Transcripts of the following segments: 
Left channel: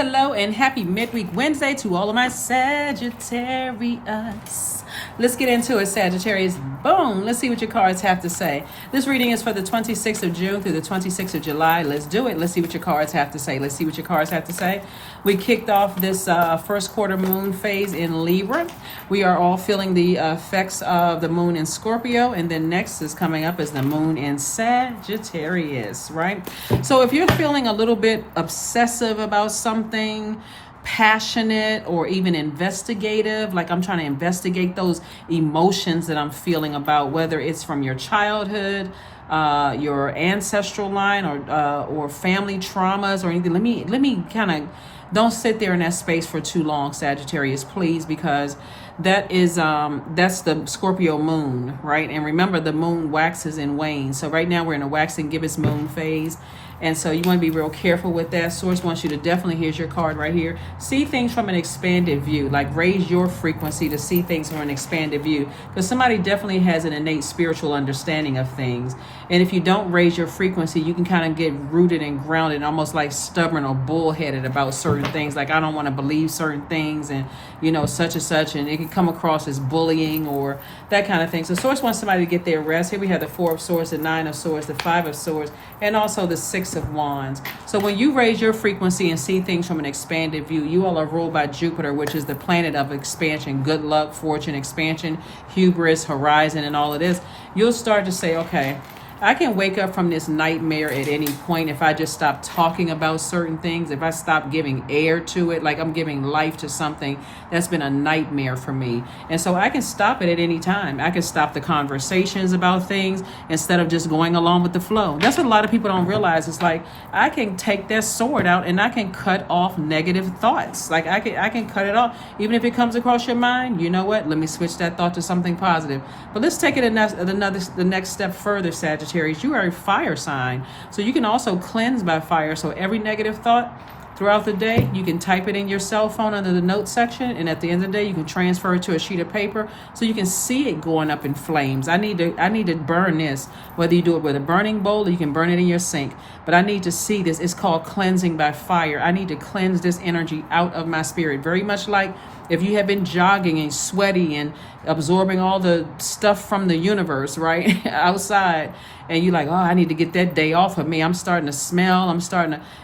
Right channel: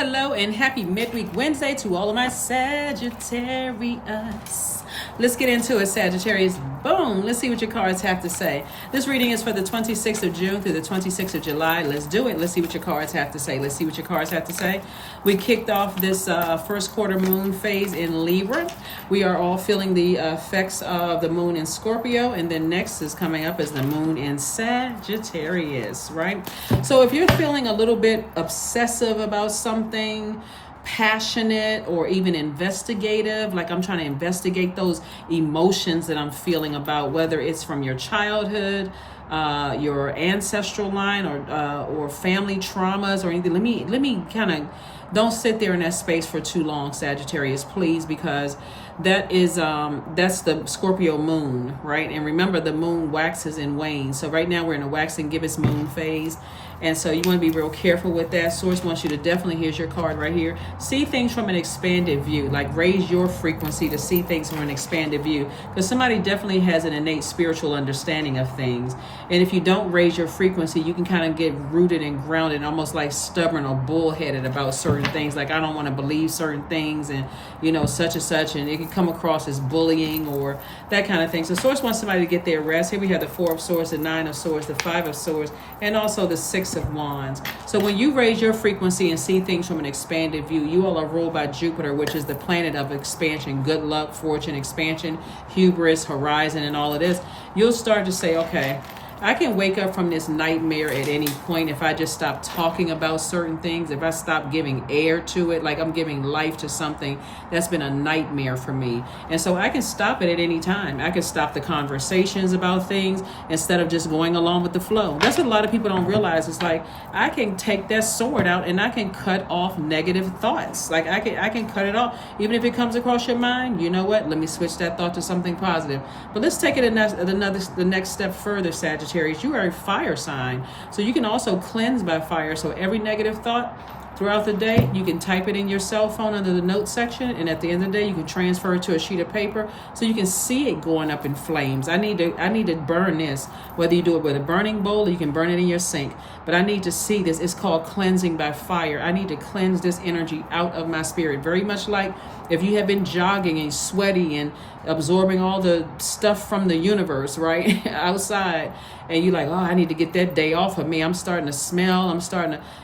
hello, and happy midweek Wednesday to all of my Sagittarius. Let's get into it, Sagittarius. Boom. Let's see what your cards have to say. This reading is for the 26th of June through the 26th of July. Let's do it. Let's see what your cards have to say. Let's see what your cards have to say. We kicked off this first quarter moon phase in Libra. We are all feeling the effects of the moon in Scorpio, and then next is coming up is the moon in Sagittarius, right? So if you're feeling a little bit obsessive about something, passionate or even investigative, like I'm trying to investigate those emotions that I'm feeling about, whether it's from your childhood, your ancestral line, or family traumas or anything. Let me kind of, don't sit there in that space for too long, Sagittarius, please, because that is that's the Scorpio moon, right? And remember, the moon waxes and wanes. So right now we're in a waxing gibbous moon phase. And so you want to be real careful with that. Source wants you to definitely, here's your card right here, see things from an expanded view, like raise your frequency to see things from an expanded view. Because somebody definitely has an innate spiritual understanding of things. And if you don't raise your frequency, you can kind of get rooted and grounded, almost like stubborn or bullheaded about certain things. Like, I don't want to believe certain things, and, you know, such and such. And it can come across as bullying or that kind of thing. So Source wants somebody to get their rest. Here we have the Four of Swords, the Nine of Swords, the Five of Swords, and also the Six of Wands. So when you raise your frequency and see things from an expanded view, you all are ruled by Jupiter, which is the planet of expansion, good luck, fortune, expansion, hubris, horizon, and all of this. You'll start to say, okay, I can wake up from this nightmare at any point if I just stop talking about certain things, if I stop giving air to it, like I'm giving life to something that's been a nightmare for me. And so I can stop it at any time. I can stop the conversations about things instead of just going along with the flow. That's what a lot of people don't realize. It's like, I can take that sword out and I can cut off negative thoughts. Like I can cut it off. Even if it comes across your mind, you know what? Let me switch that thought to something positive. But let's take it the next step further, Sagittarius. You are a fire sign, so you can also cleanse by fire. So every negative thought throughout the day, you can type it in your cell phone under the notes section, and at the end of the day, you can transfer it to a sheet of paper so you can see it going up in flames. I need to burn this, whether you do it with a burning bowl or you can burn it in your sink. But I need to see this. It's called cleansing by fire. I need to cleanse this energy out of my spirit. Very much like if you have been jogging and sweaty and absorbing all the stuff from the universe, right, outside, and you're like, oh, I need to get that day off of me. I'm starting to smell.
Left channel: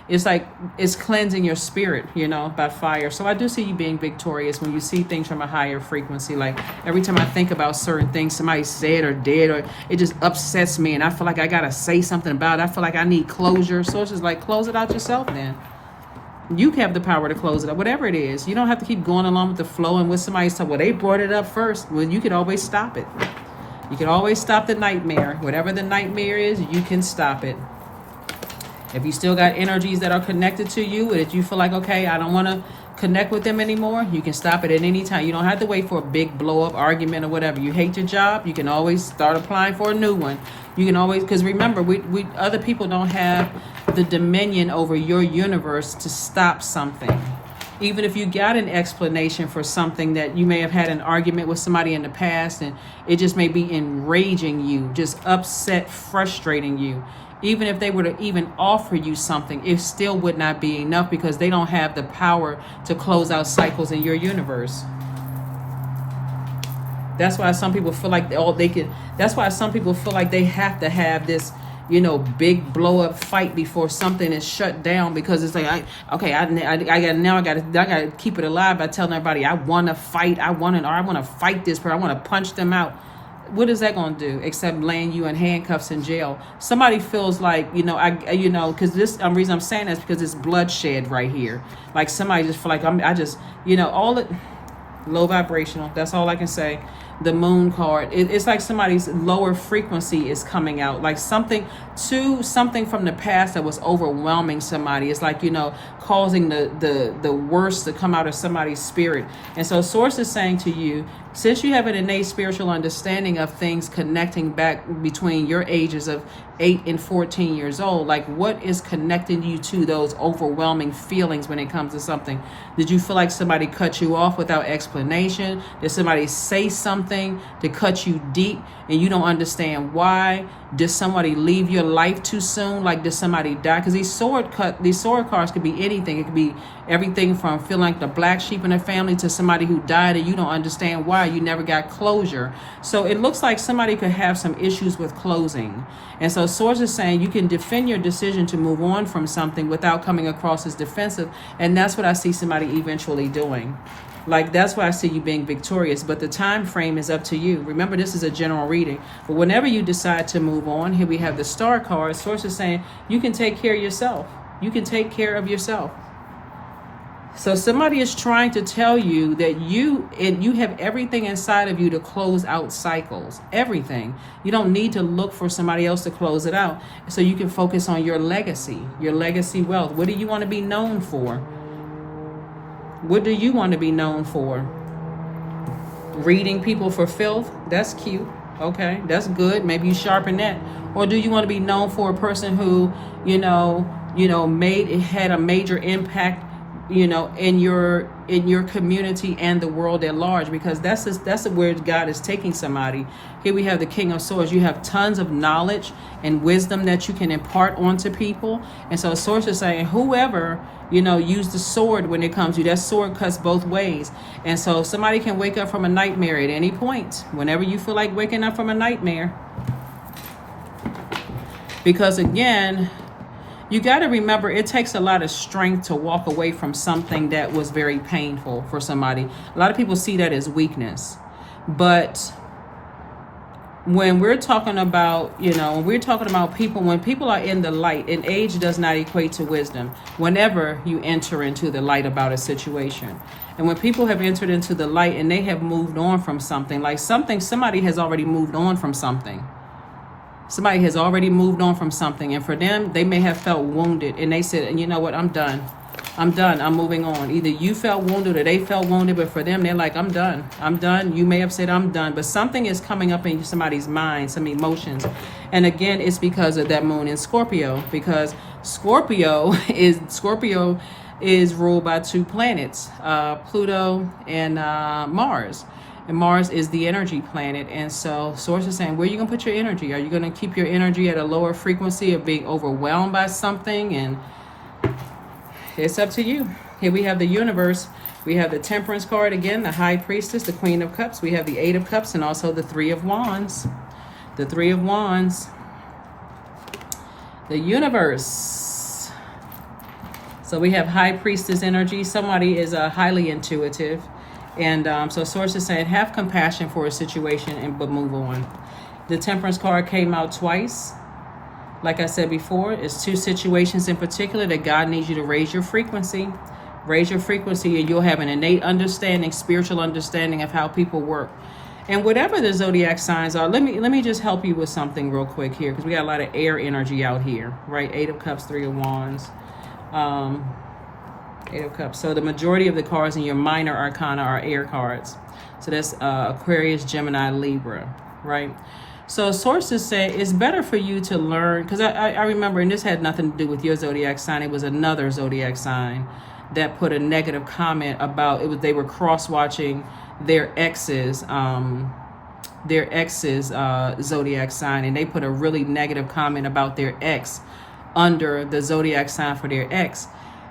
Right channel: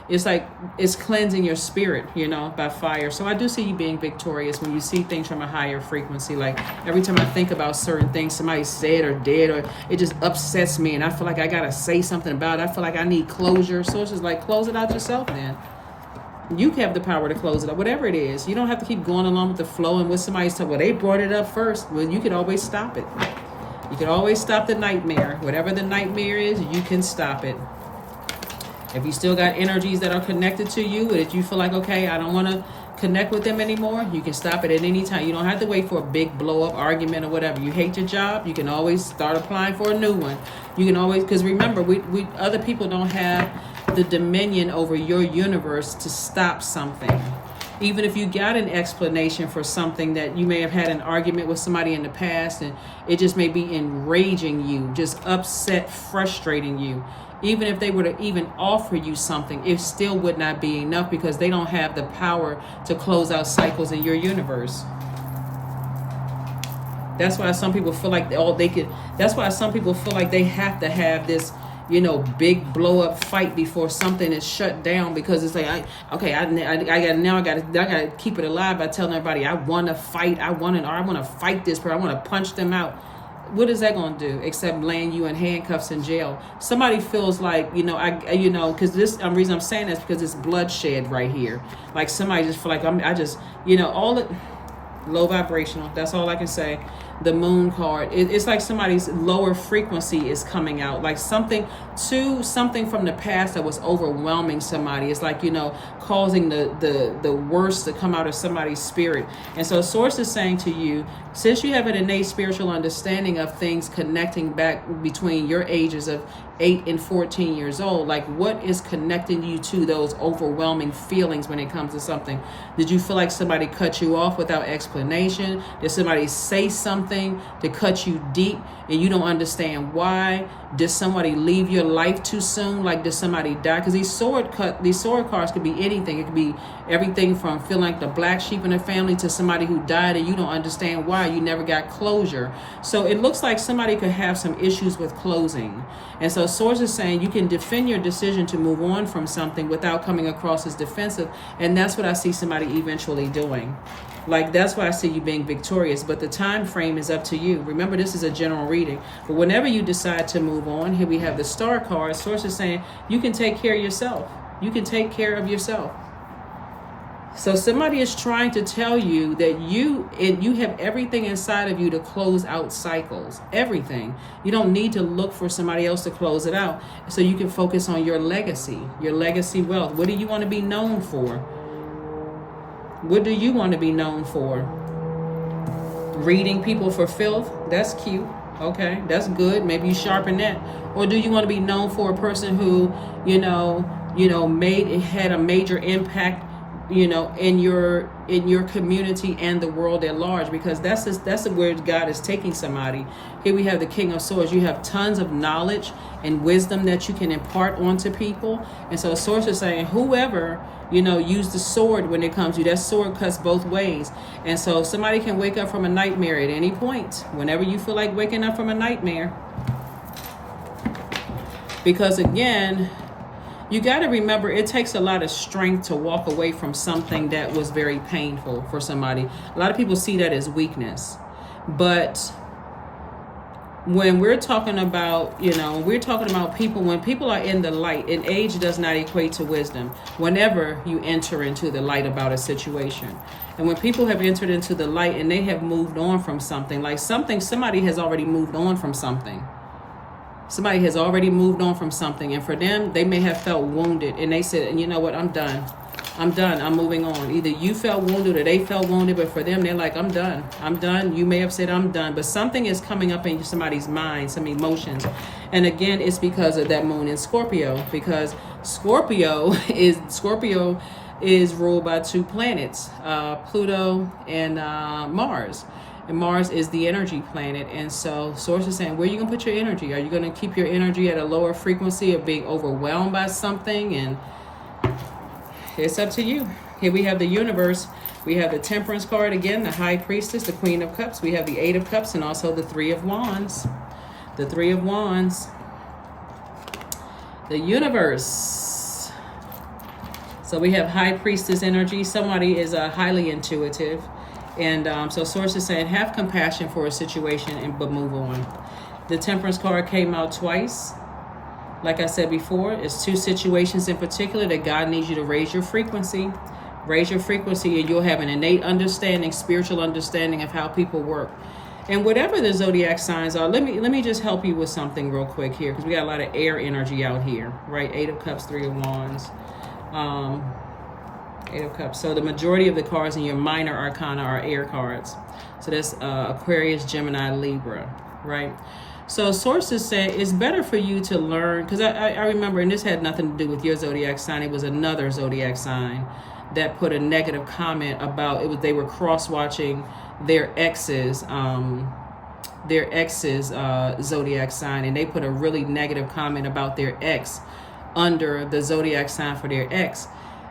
It's like, it's cleansing your spirit, you know, by fire. So I do see you being victorious when you see things from a higher frequency. Like, every time I think about certain things somebody said or did, or it just upsets me and I feel like I got to say something about it. I feel like I need closure. So it's just like, close it out yourself then. You have the power to close it up, whatever it is. You don't have to keep going along with the flow and with somebody's talk. Well, they brought it up first. Well, you can always stop it. You can always stop the nightmare. Whatever the nightmare is, you can stop it. If you still got energies that are connected to you, that you feel like, okay, I don't want to connect with them anymore, you can stop it at any time. You don't have to wait for a big blow-up argument or whatever. You hate your job, you can always start applying for a new one. You can always, because remember, we other people don't have the dominion over your universe to stop something. Even if you got an explanation for something that you may have had an argument with somebody in the past and it just may be enraging you, just upset, frustrating you. Even if they were to even offer you something, it still would not be enough because they don't have the power to close out cycles in your universe. That's why some people feel like that's why some people feel like they have to have this, you know, big blow up fight before something is shut down, because it's like, I gotta keep it alive by telling everybody I want to fight, I want to fight this person, I want to punch them out. What is that going to do except laying you in handcuffs in jail? Somebody feels like, because this reason I'm saying this because it's bloodshed right here. Like somebody just feel like all the low vibrational. That's all I can say. The moon card, it's like somebody's lower frequency is coming out, like something from the past that was overwhelming somebody. It's like, causing the worst to come out of somebody's spirit. And so Source is saying to you Since you have an innate spiritual understanding of things connecting back between your ages of 8 and 14 years old, like what is connecting you to those overwhelming feelings when it comes to something? Did you feel like somebody cut you off without explanation? Did somebody say something to cut you deep and you don't understand why? Did somebody leave your life too soon? Like, did somebody die? Because these sword cards could be anything. It could be everything from feeling like the black sheep in the family to somebody who died and you don't understand why. You never got closure. So it looks like somebody could have some issues with closing. And so Swords is saying you can defend your decision to move on from something without coming across as defensive. And that's what I see somebody eventually doing. Like, that's why I see you being victorious, but the time frame is up to you. Remember, this is a general reading, but whenever you decide to move on, here we have the star card. Source is saying you can take care of yourself. You can take care of yourself. So somebody is trying to tell you that you have everything inside of you to close out cycles. Everything. You don't need to look for somebody else to close it out. So you can focus on your legacy wealth. What do you want to be known for? What do you want to be known for? Reading people for filth? That's cute. Okay, that's good. Maybe you sharpen that. Or do you want to be known for a person who, had a major impact, in your community and the world at large? Because that's where God is taking somebody. Here we have the King of Swords. You have tons of knowledge and wisdom that you can impart onto people. And so Swords is saying whoever use the sword when it comes to you. That sword cuts both ways. And so somebody can wake up from a nightmare at any point, whenever you feel like waking up from a nightmare. Because again, you got to remember, it takes a lot of strength to walk away from something that was very painful for somebody. A lot of people see that as weakness. But when we're talking about, when people are in the light, and age does not equate to wisdom, whenever you enter into the light about a situation. And when people have entered into the light and they have moved on from something, somebody has already moved on from something. Somebody has already moved on from something. And for them, they may have felt wounded. And they said, and you know what, I'm done. I'm moving on. Either you felt wounded or they felt wounded, but for them, they're like, I'm done. You may have said I'm done, but something is coming up in somebody's mind, some emotions. And again, it's because of that moon in Scorpio, because Scorpio is ruled by two planets, Pluto and Mars. And Mars is the energy planet. And so Source is saying, where are you going to put your energy? Are you going to keep your energy at a lower frequency of being overwhelmed by something? And it's up to you. Here we have the universe. We have the Temperance card again, the High Priestess, the Queen of Cups. We have the Eight of Cups and also the Three of Wands. The Three of Wands. The universe. So we have High Priestess energy. Somebody is highly intuitive. And so Source is saying, have compassion for a situation but move on. The Temperance card came out twice. Like I said before, it's two situations in particular that God needs you to raise your frequency. Raise your frequency and you'll have an innate understanding, spiritual understanding of how people work. And whatever the zodiac signs are, let me just help you with something real quick here, because we got a lot of air energy out here, right? Eight of Cups, Three of Wands. Eight of Cups. So the majority of the cards in your minor arcana are air cards. So that's Aquarius, Gemini, Libra, right? So sources say it's better for you to learn, because I remember, and this had nothing to do with your zodiac sign, it was another zodiac sign that put a negative comment about it. They were cross-watching their ex's zodiac sign, and they put a really negative comment about their ex under the zodiac sign for their ex.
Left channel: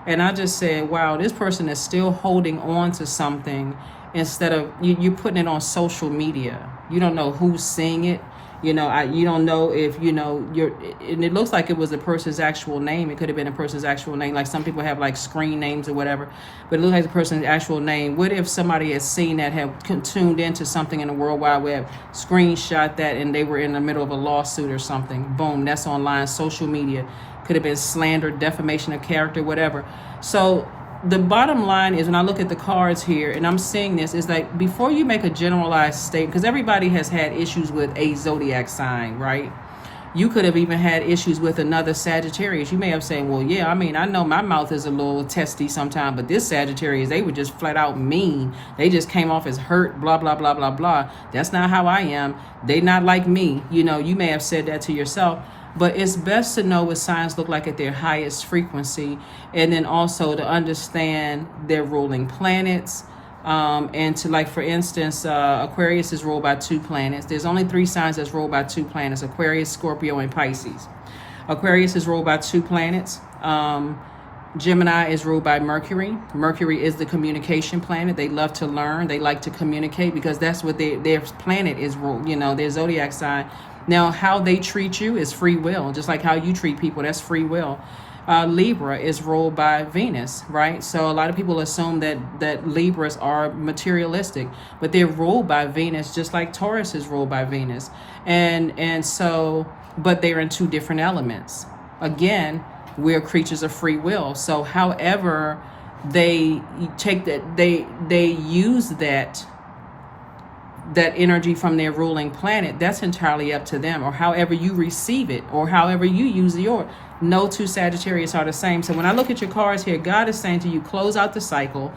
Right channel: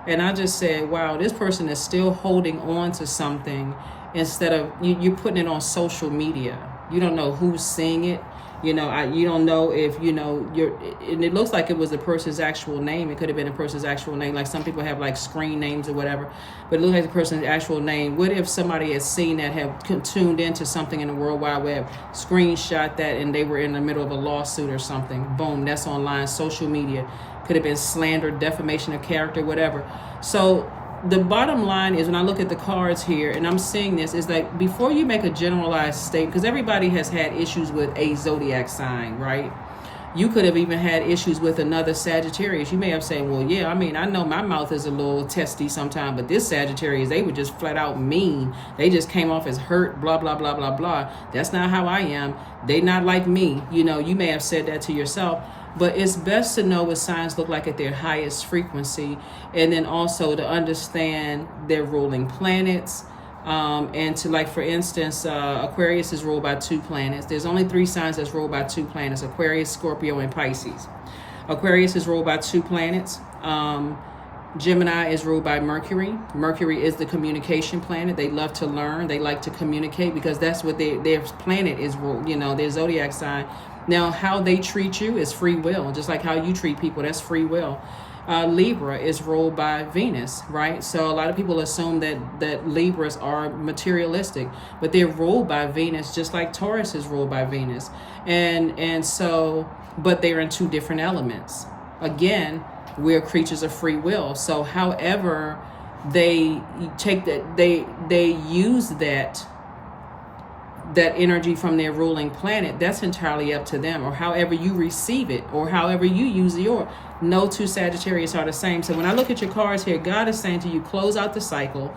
And I just said, wow, this person is still holding on to something instead of you putting it on social media. You don't know who's seeing it. You don't know if, and it looks like it was a person's actual name. It could have been a person's actual name. Like some people have like screen names or whatever, but it looks like a person's actual name. What if somebody has seen that, have tuned into something in the World Wide Web, screenshot that, and they were in the middle of a lawsuit or something? Boom, that's online, social media. Could have been slander, defamation of character, whatever. So the bottom line is, when I look at the cards here and I'm seeing this, is like, before you make a generalized statement, because everybody has had issues with a zodiac sign, right? You could have even had issues with another Sagittarius. You may have said, well, yeah, I mean, I know my mouth is a little testy sometimes, but this Sagittarius, they were just flat out mean. They just came off as hurt, blah, blah, blah, blah, blah. That's not how I am. They not like me. You know, you may have said that to yourself. But it's best to know what signs look like at their highest frequency, and then also to understand their ruling planets. And to, like, for instance, Aquarius is ruled by 2 planets. There's only 3 signs that's ruled by 2 planets: Aquarius, Scorpio, and Pisces. Aquarius is ruled by 2 planets. Gemini is ruled by Mercury. Mercury is the communication planet. They love to learn. They like to communicate because that's what their planet is ruled, you know, their zodiac sign. Now, how they treat you is free will, just like how you treat people, that's free will. Libra is ruled by Venus, right? So a lot of people assume that Libras are materialistic, but they're ruled by Venus, just like Taurus is ruled by Venus. And so, but they're in 2 different elements. Again, we're creatures of free will. So however they take that, they use that energy from their ruling planet, that's entirely up to them, or however you receive it, or however you use your. No 2 Sagittarius are the same. So when I look at your cards here, God is saying to you, close out the cycle.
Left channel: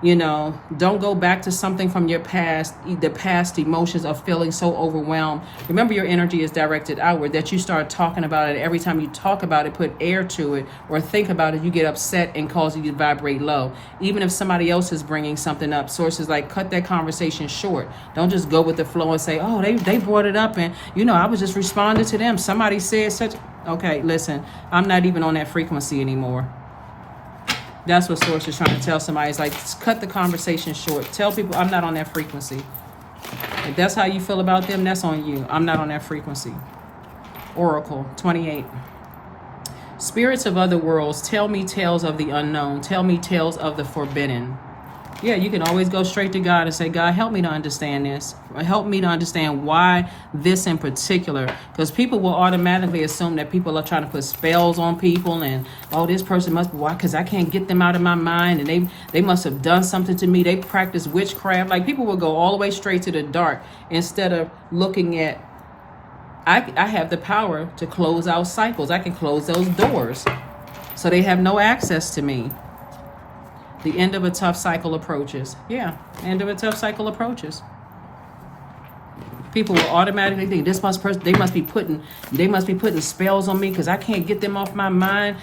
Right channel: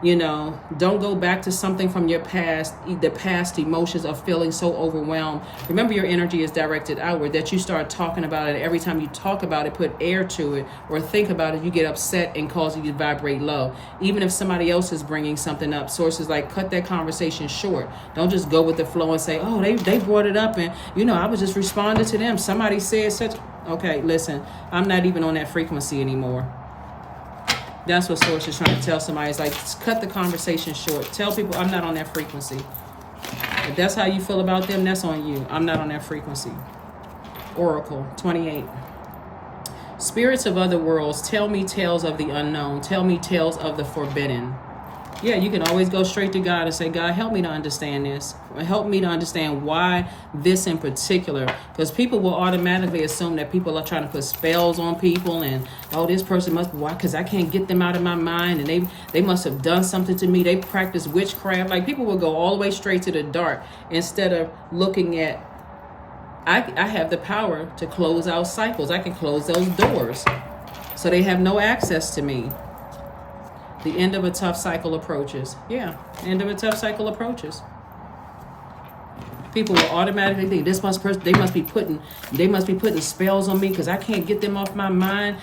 You know, don't go back to something from your past, the past emotions of feeling so overwhelmed. Remember, your energy is directed outward, that you start talking about it. Every time you talk about it, put air to it or think about it, you get upset and cause you to vibrate low. Even if somebody else is bringing something up, sources like, cut that conversation short. Don't just go with the flow and say, oh, they brought it up and, you know, I was just responding to them. Somebody said such. Okay, listen, I'm not even on that frequency anymore. That's what Source is trying to tell somebody. It's like, cut the conversation short. Tell people I'm not on that frequency. If that's how you feel about them, that's on you. I'm not on that frequency. Oracle 28. Spirits of other worlds, tell me tales of the unknown. Tell me tales of the forbidden. Yeah, you can always go straight to God and say, God, help me to understand this. Help me to understand why this in particular. Because people will automatically assume that people are trying to put spells on people and, oh, this person must be, why? Because I can't get them out of my mind and they must have done something to me. They practice witchcraft. Like, people will go all the way straight to the dark instead of looking at, I have the power to close out cycles. I can close those doors so they have no access to me. The end of a tough cycle approaches. Yeah, end of a tough cycle approaches. People will automatically think they must be putting spells on me because I can't get them off my mind.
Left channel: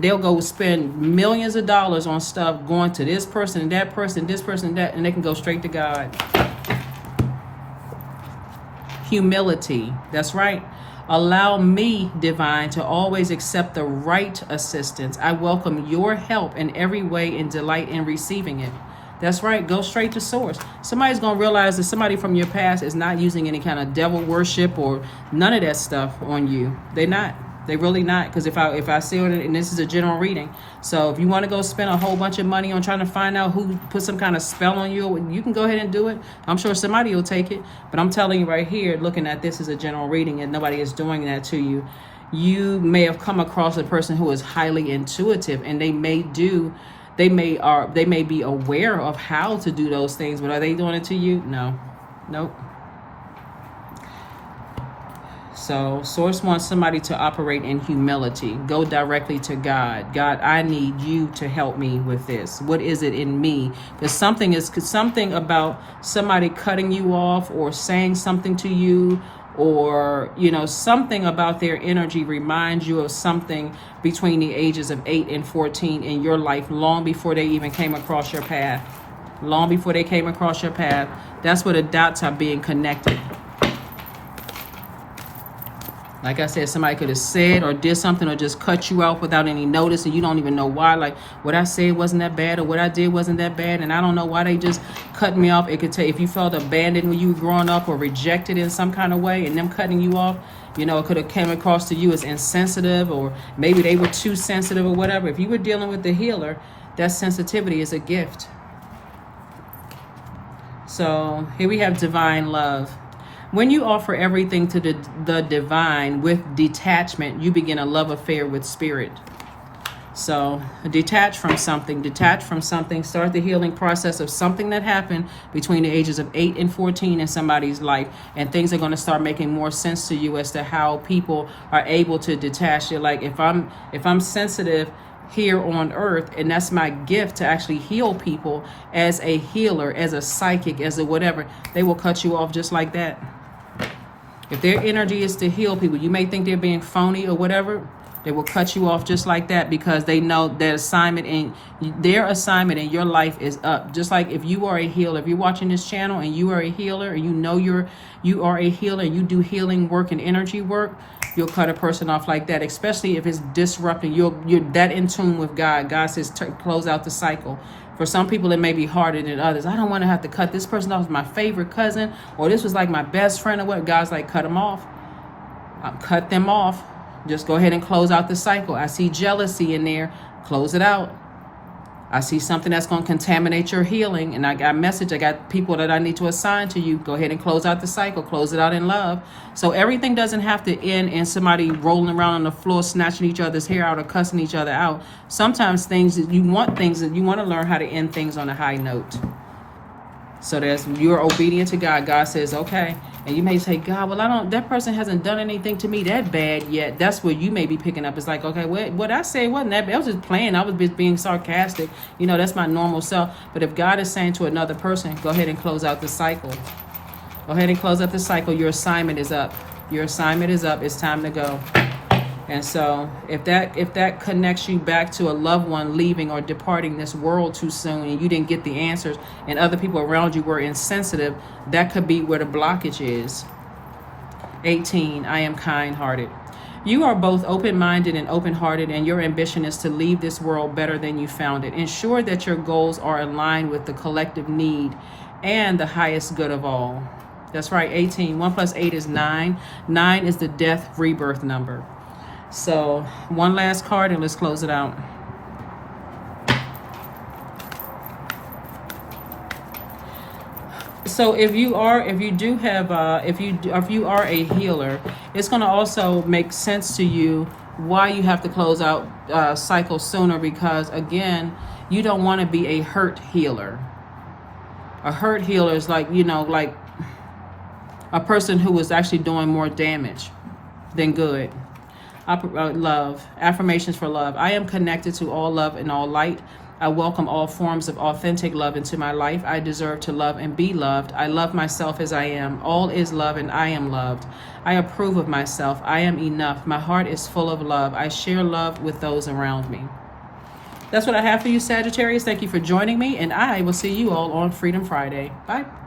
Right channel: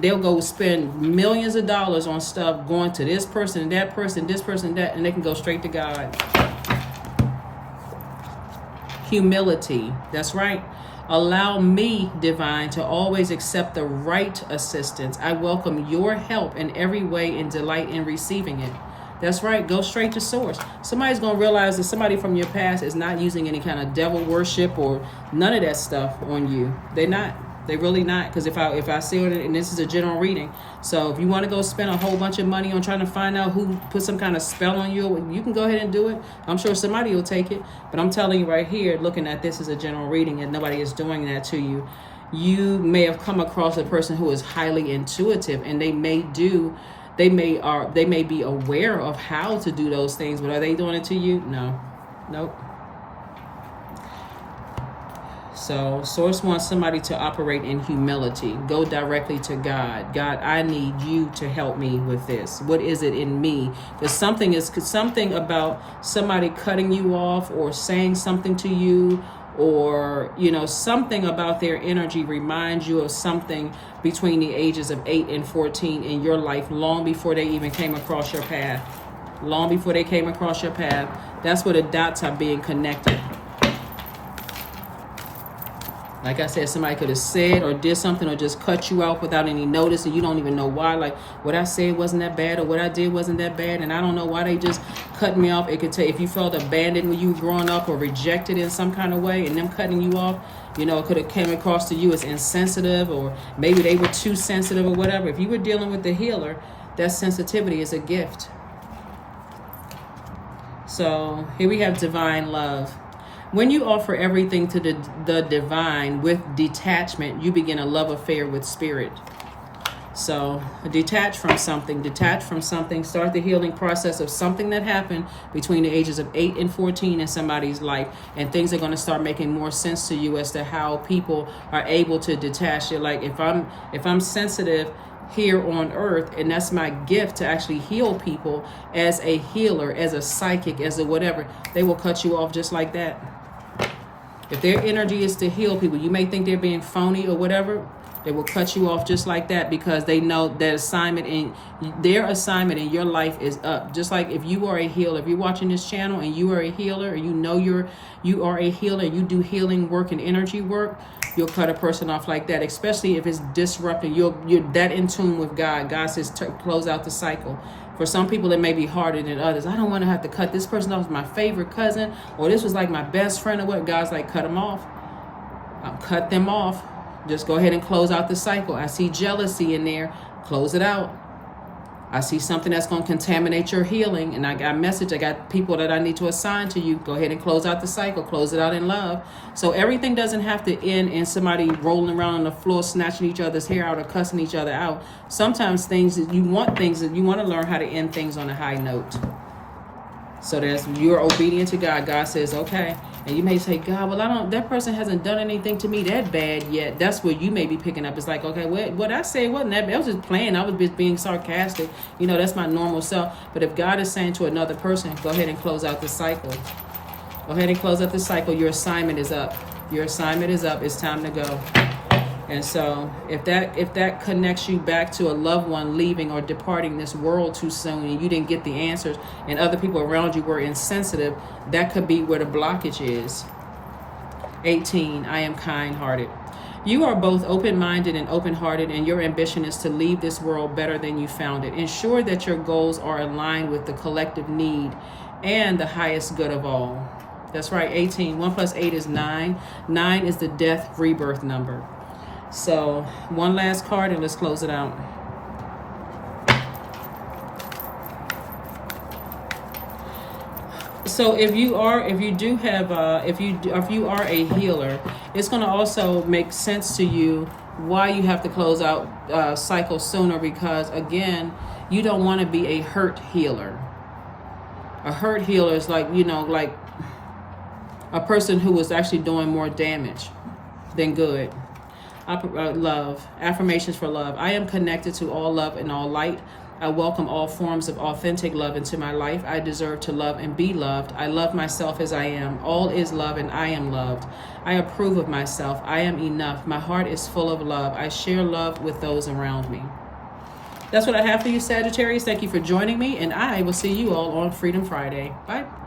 They'll go spend millions of dollars on stuff going to this person and that person, this person and that, and they can go straight to God. Humility. That's right. Allow me, divine, to always accept the right assistance. I welcome your help in every way and delight in receiving it. That's right. Go straight to source. Somebody's going to realize that somebody from your past is not using any kind of devil worship or none of that stuff on you. They're not. They're really not. Because if I see it, and this is a general reading, so if you want to go spend a whole bunch of money on trying to find out who put some kind of spell on you, you can go ahead and do it. I'm sure somebody will take it. But I'm telling you right here, looking at this as a general reading, and nobody is doing that to you. You may have come across a person who is highly intuitive, and they may be aware of how to do those things, but are they doing it to you? No. Nope. So Source wants somebody to operate in humility. Go directly to God. God, I need you to help me with this. What is it in me? Because something about somebody cutting you off or saying something to you, or, you know, something about their energy reminds you of something between the ages of 8 and 14 in your life, long before they even came across your path. Long before they came across your path. That's where the dots are being connected. Like I said, somebody could have said or did something or just cut you off without any notice, and you don't even know why. Like, what I said wasn't that bad, or what I did wasn't that bad, and I don't know why they just cut me off. It could take, if you felt abandoned when you were growing up or rejected in some kind of way, and them cutting you off, you know, it could have came across to you as insensitive, or maybe they were too sensitive or whatever. If you were dealing with the healer, that sensitivity is a gift. So here we have divine love. When you offer everything to the divine with detachment, you begin a love affair with spirit. So detach from something, start the healing process of something that happened between the ages of 8 and 14 in somebody's life, and things are going to start making more sense to you as to how people are able to detach. You're like, if I'm sensitive here on earth, and that's my gift to actually heal people as a healer, as a psychic, as a whatever, they will cut you off just like that. If their energy is to heal people, you may think they're being phony or whatever, they will cut you off just like that, because they know their assignment in your life is up. Just like if you are a healer, if you're watching this channel and you are a healer, and you know you are a healer, and you do healing work and energy work, you'll cut a person off like that, especially if it's disrupting. You're that in tune with God. God says close out the cycle. For some people, it may be harder than others. I don't want to have to cut this person off, my favorite cousin, or this was like my best friend or what. God's like, cut them off. Cut them off. Just go ahead and close out the cycle. I see jealousy in there. Close it out. I see something that's going to contaminate your healing, and I got a message. I got people that I need to assign to you. Go ahead and close out the cycle. Close it out in love. So everything doesn't have to end in somebody rolling around on the floor, snatching each other's hair out or cussing each other out. Sometimes you want to learn how to end things on a high note. So you're obedient to God. God says, okay. And you may say, God, well, that person hasn't done anything to me that bad yet. That's what you may be picking up. It's like, okay, what I say wasn't that bad. I was just playing. I was just being sarcastic. That's my normal self. But if God is saying to another person, go ahead and close out the cycle. Go ahead and close out the cycle. Your assignment is up. Your assignment is up. It's time to go. And so if that connects you back to a loved one leaving or departing this world too soon, and you didn't get the answers, and other people around you were insensitive, that could be where the blockage is. 18, I am kind-hearted. You are both open-minded and open-hearted, and your ambition is to leave this world better than you found it. Ensure that your goals are aligned with the collective need and the highest good of all. That's right, 18. 1 plus 8 is 9. 9 is the death rebirth number. So one last card and let's close it out. So if you are a healer, it's going to also make sense to you why you have to close out cycle sooner, because again, you don't want to be a hurt healer. A hurt healer is like a person who is actually doing more damage than good. Love. Affirmations for love. I am connected to all love and all light. I welcome all forms of authentic love into my life. I deserve to love and be loved. I love myself as I am. All is love and I am loved. I approve of myself. I am enough. My heart is full of love. I share love with those around me. That's what I have for you, Sagittarius. Thank you for joining me, and I will see you all on Freedom Friday. Bye.